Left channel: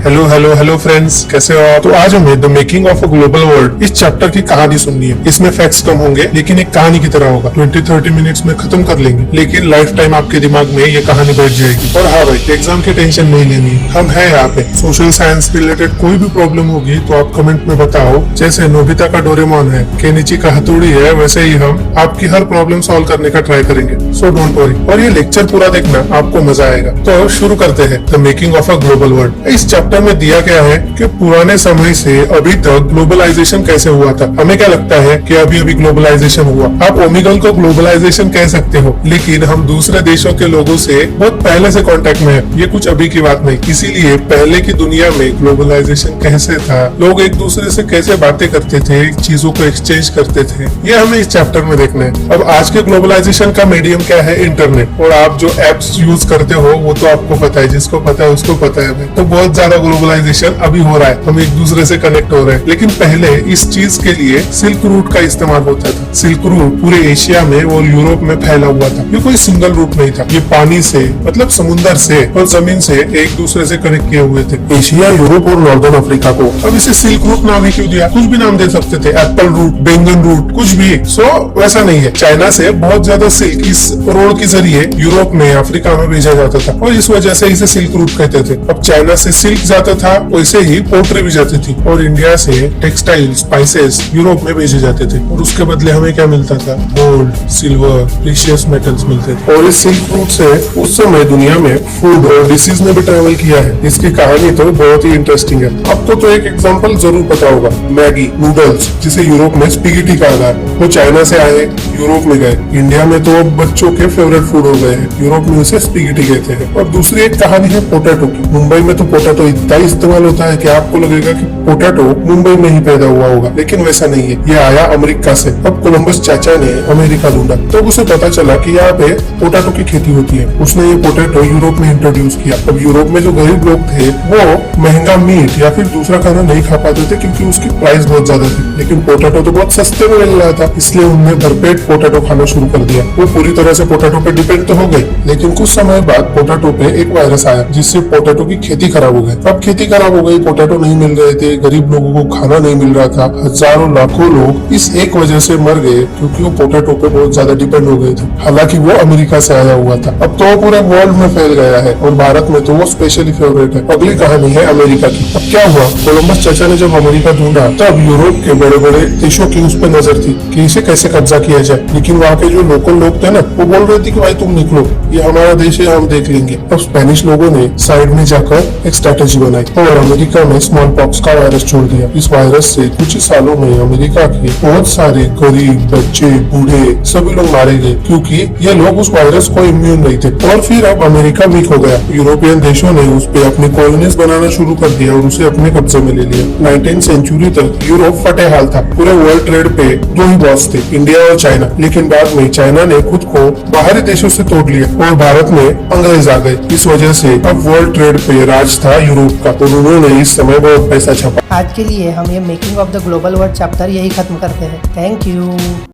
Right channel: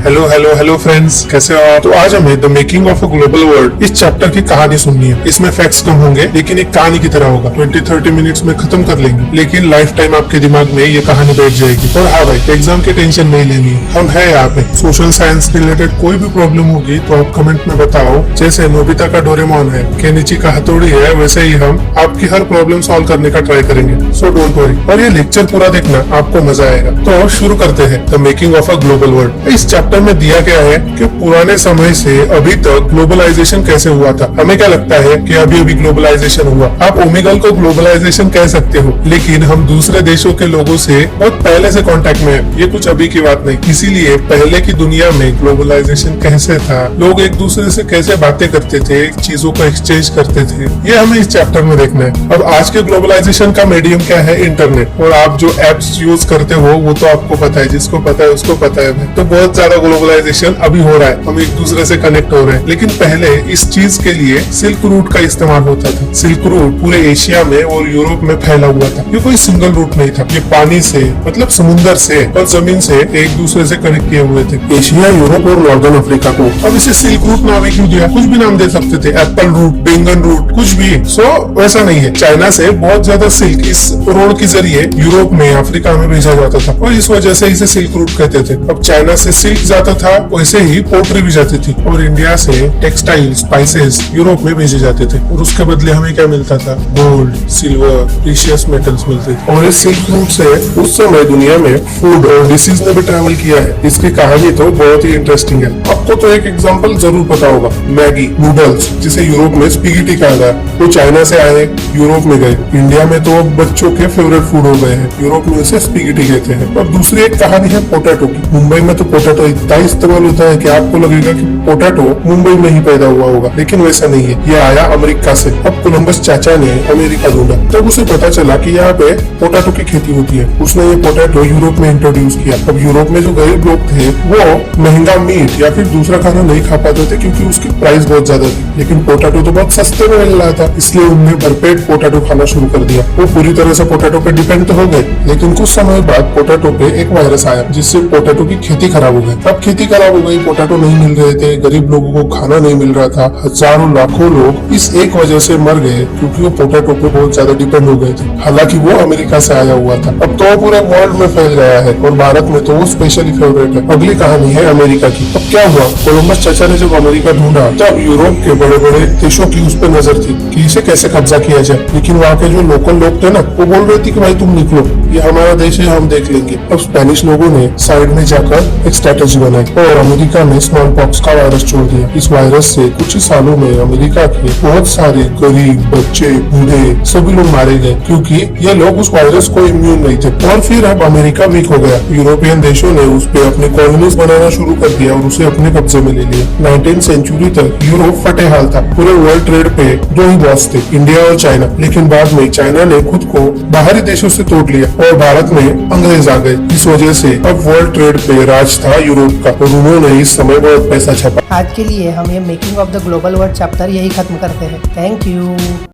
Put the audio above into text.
Hello hello hello friends, कैसे हो आप? तो आज हमें the making of a global world इस चैप्टर की कहानी सुननी है। इसमें फैक्ट्स कम होंगे लेकिन एक कहानी की तरह होगा। 20-30 मिनट्स में खत्म कर लेंगे, लेकिन लाइफ टाइम आपके दिमाग में ये कहानी बैठ जाएगी। और हाँ भाई, एग्जाम की टेंशन नहीं लेनी है, हम है यहाँ पे। सोशल साइंस रिलेटेड कोई भी प्रॉब्लम होगी तो आप कमेंट में बताओ। जैसे नोबिता का डोरेमोन है, केनिची का हथौड़ी है, वैसे ही हम आपकी हर प्रॉब्लम सॉल्व करने का ट्राई करेंगे। सो डोंट वरी, और ये लेक्चर पूरा देखना, आपको मजा आएगा। तो शुरू करते हैं the making of a global world. इस चैप्टर में दिया गया है कि पुराने समय से अभी तक ग्लोबलाइजेशन कैसे हुआ था। हमें क्या लगता है कि अभी अभी ग्लोबलाइजेशन हुआ। आप ओमेगल को ग्लोबलाइजेशन कह सकते हो, लेकिन हम दूसरे देशों के लोगों से बहुत पहले से कांटेक्ट में है। ये कुछ अभी की बात नहीं। इसीलिए पहले की दुनिया में ग्लोबलाइजेशन कैसे था, लोग एक दूसरे से कैसे बातें करते थे, चीजों को एक्सचेंज करते थे, ये हमें इस चैप्टर में देखना है। अब आज के ग्लोबलाइजेशन का मीडियम क्या है? इंटरनेट। और आप जो एप्स यूज करते हो वो तो आपको पता है, जिसको पता है उसको पता है। तो बहुत ज्यादा ग्लोबलाइजेशन अभी हो रहा है, हम एक दूसरे से कनेक्ट हो रहे हैं। लेकिन पहले इस चीज के लिए सिल्क रूट का इस्तेमाल होता था। सिल्क रूट पूरे एशिया में और यूरोप में फैला हुआ था। ये कोई सिंगल रूट नहीं था, ये पानी से मतलब समुद्र से और जमीन से एक दूसरे से कनेक्ट किए हुए थे, एशिया, यूरोप और नॉर्दर्न अफ्रीका को। अब इसे सिल्क रूट नाम ही क्यों दिया? कुछ भी नाम दे सकते थे, एप्पल रूट, बैंगन रूट, कुछ भी। वैसा नहीं है। चाइना से बहुत ज्यादा सिल्क इस रोड के जरिए यूरोप में, अफ्रीका में भेजा जाता था और इस वजह से इसे सिल्क रूट कहते थे। अब चाइना से सिल्क जाता था, वैसे ही पोट्री भी जाती थी, और इंडिया से टेक्सटाइल, स्पाइसेस यूरोप में भेजे जाते थे। और उसके बदले हमें क्या मिलता था? गोल्ड, सिल्वर, प्रीशियस मेटल्स मिलते थे। और इस सिल्क रूट से उस समय दुनिया में फूड और डिसीज ने भी ट्रेवल किया है। इसकी कहानी तो बहुत ही इंटरेस्टिंग है। आपको तो एक एग्जांपल जरूर पता होगा, मैगी नूडल्स, जिसे यूरोप में स्पैगेटी कहा है, वो चाइना से आए, यूरोप में गए। इंडिया में तो बच्चों के फेवरेट फूड हो गए हैं, यूरोप में उसे स्पैगेटी कहते हैं। और दूसरी एक कहानी है पोटैटो की। मुंबई में तो पोटैटो इतना इस्तेमाल होता है कि आपको लगेगा कि पोटैटो मुंबई में ही पैदा हुआ होगा, लेकिन वैसा नहीं है। ये आया अमेरिका से। अब कोलंबस चाचा ने अमेरिका ढूंढा, तब उसे पता चला कि यहाँ पे पोटैटो की खेती होती है। उसने ये पोटैटो यूरोप में इंट्रोड्यूस किया। अब यूरोप में जो गरीब लोग थे वो महंगा मीट या फिर दूसरा खाना नहीं खा पाते थे, क्योंकि उसकी प्राइस बहुत ज्यादा थी। लेकिन पोटैटो तो बहुत सस्ते में मिल रहा था, इसलिए उन्होंने भरपेट पोटैटो खाना शुरू कर दिया। वो पूरी तरह से पोटैटो पे डिपेंड तो हो गए, लेकिन कुछ समय बाद पोटैटो पे एक वायरस आया, जिससे पोटैटो की खेती खराब हो गई। अब खेती खराब हो गई, पोटैटो नहीं मिल रहे थे, गरीब लोगों को खाना नहीं मिल रहा था। हजारों लाखों लोग इस एक वजह से मर गए, क्योंकि वो पोटैटो पे बहुत ज्यादा डिपेंड हो गए थे। हालांकि वो अमेरिका से आया हुआ था। अब तो वो पूरे वर्ल्ड में फैल गया है, और भारत में तो वो स्पेशली फेवरेट है। अगली कहानी है अमेरिका की। अब क्या हुआ, कोलंबस चाचा ने जब अमेरिका ढूंढा, तब यूरोप के बड़े बड़े देशों की उस पर नजर थी कि इसे कैसे कब्जा किया जाए। लेकिन वहाँ के जो लोकल लोग थे ना, वो बोल रहे थे कि भाई तुम निकलो, ये हमारा देश है, हम देख लेंगे। अब स्पेनिश लोगों ने साइड में जाकर एक स्ट्रेटेजी बनाई और अमेरिका में स्मॉल पॉक्स का वायरस छोड़ दिया। इस वायरस से कुछ ही सालों में अमेरिका के बहुत सारे गरीब, बच्चे, बूढ़े सभी लोग मारे गए, क्योंकि ये लोग उस वायरस को इम्यून नहीं थे। और फिर अब अमेरिका वीक हो गया। यूरोपियन देशों ने उस पर अपने कॉलोनीज बनाना शुरू कर दिया और उसे अपने कब्जे में ले लिया। 19th सेंचुरी तक यूरोप फटे हाल था। पूरे वर्ल्ड ट्रेड पे दो ही बॉस थे, इंडिया और चाइना। लेकिन बाद में चाइना ने खुद को बाहरी देशों से तोड़ लिया और भारत में अंग्रेज आ गए। इस वजह से अब वर्ल्ड ट्रेड पे राज था यूरोप का, तो उन्होंने इस समय बहुत पैसा छापा। आज के लिए हम ये making of the global world chapter यही खत्म करते हैं। Thank you.